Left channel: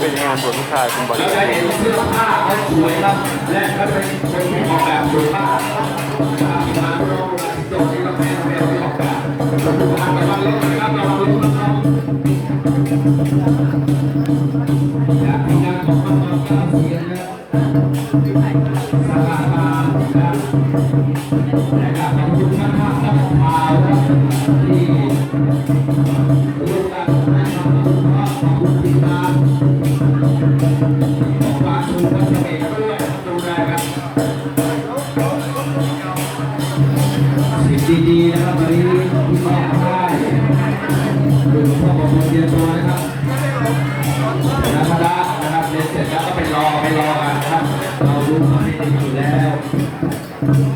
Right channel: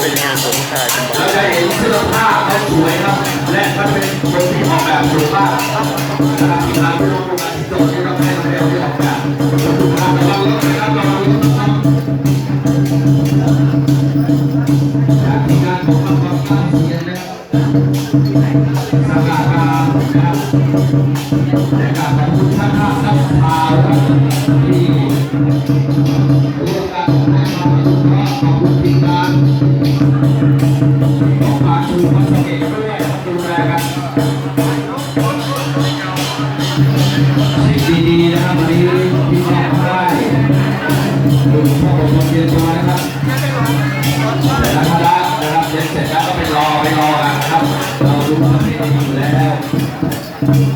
เป็นงานของผู้ชายเป็นบอลเราจะเห็นเสื้อผ้าเขาสวยครับ และก็เป็นคนที่ออกแบบสุภา ร่วมกันให้เราดูเพราะขอบคุณทีมงานขอฝาดูคอนเสิร์ตด้วยนะครับดูแลกันสิ่งดีๆนะครับวันนี้ที่มอบให้ดูพวกผมเรียนตัวนะครับแต่ละคณะนะครับเรียนเสร็จแล้วก็ไปรอไปรอกันนะครับเราดูประเพณีอยู่แล้ว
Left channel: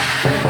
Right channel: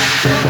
บคุ